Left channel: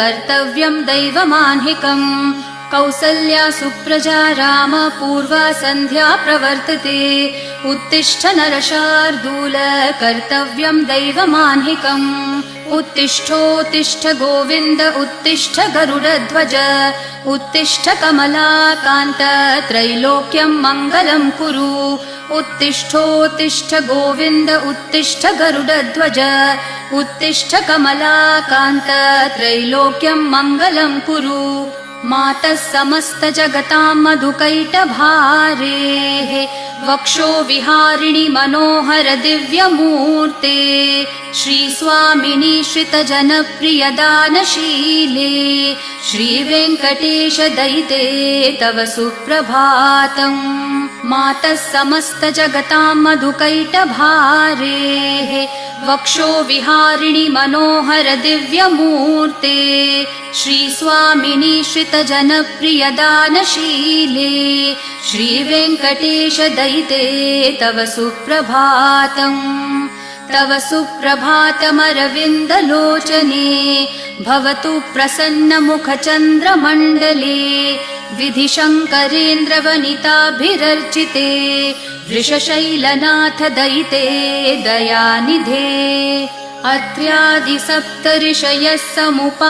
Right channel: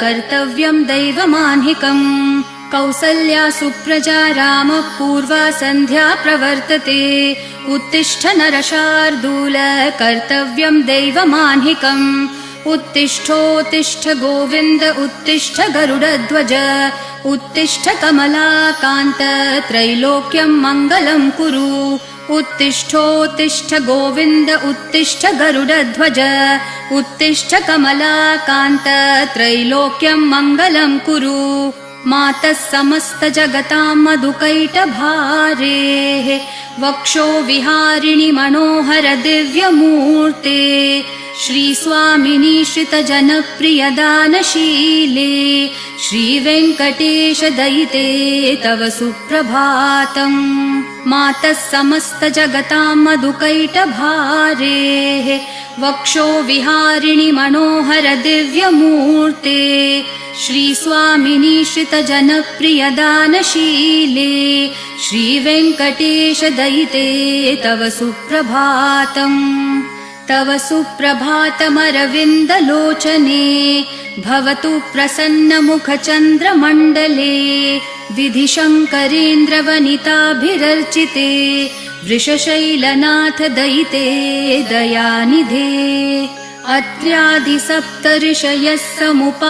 कर्तव्यम् दैवमाह्निकम् कौसल्या सुप्रजा राम पूर्वा सन्ध्या प्रवर्तते उत्तिष्ठ नरशार्दूल कर्तव्यम् दैवमाह्निकम् उत्तिष्ठोत्तिष्ठ गोविन्द उत्तिष्ठ गरुडध्वज उत्तिष्ठ कमलाकान्त त्रैलोक्यम् मङ्गलम् कुरु उत्तिष्ठोत्तिष्ठ गोविन्द उत्तिष्ठ गरुडध्वज उत्तिष्ठ कमलाकान्त त्रैलोक्यम् मङ्गलम् कुरु मातः समस्त जगताम् मधुकैटभारेः वक्षो विहारिणि मनोहर दिव्यमूर्ते श्रीस्वामिनि श्रितजनप्रिय दानशीले श्रीवेङ्कटेश दयिते तव सुप्रभातम् मातः समस्त जगताम् मधुकैटभारेः वक्षो विहारिणि मनोहर दिव्यमूर्ते श्रीस्वामिनि श्रितजनप्रिय दानशीले श्रीवेङ्कटेश दयिते तव सुप्रभातम् तव सुप्रभातमरविन्दलोचने भवतु प्रसन्नमुखचन्द्रमण्डले विधिशङ्करेन्द्रवनिताभिरर्चिते वृषशैलनाथ दयिते दयानिधे अत्र्यादि सप्तऋषयः समुपा